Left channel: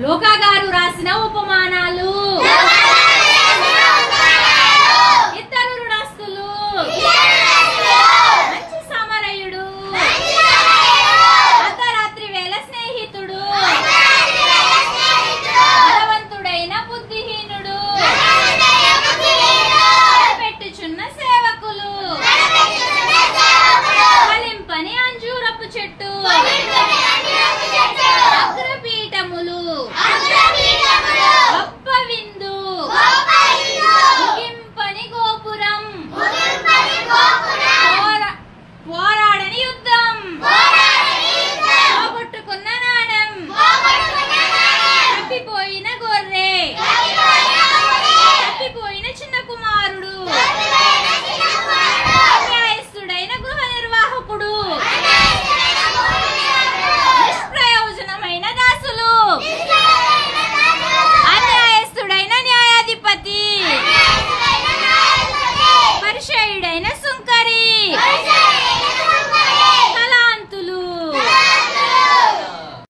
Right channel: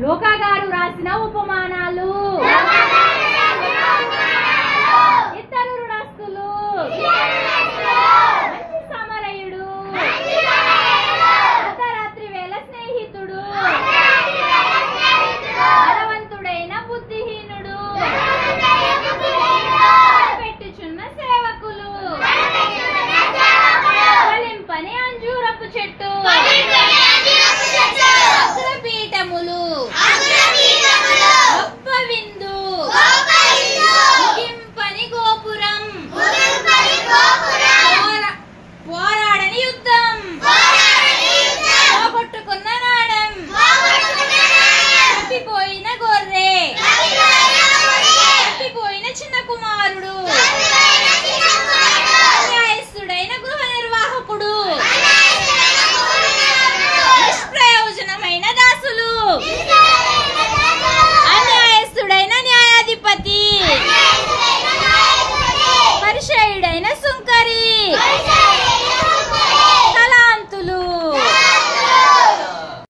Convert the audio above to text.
లోకా గారు రాసిన ఉపమానాలు. ఇద్దరు రుణస్తులు, మంచి సమరయుడు, అర్ధరాత్రి వేళ స్నేహితుడు, బలవంతుడైన బుద్ధిహీనుడు, పెట్టుచున్న సేవకులు, ఫలింపని అంజూరపు చెట్టు, అగ్రపీఠములు, గొప్ప విందు, ముగింపని గోపురం, పోరాడని యుద్ధం, పోగొట్టుకున్న నాణం, తప్పిపోయిన గొర్రె, తప్పిపోయిన చిన్న కుమారుడు, అన్యాయస్తుడైన గృహ నిర్వాహకుడు, నిష్ప్రయోజనమైన దాసులు.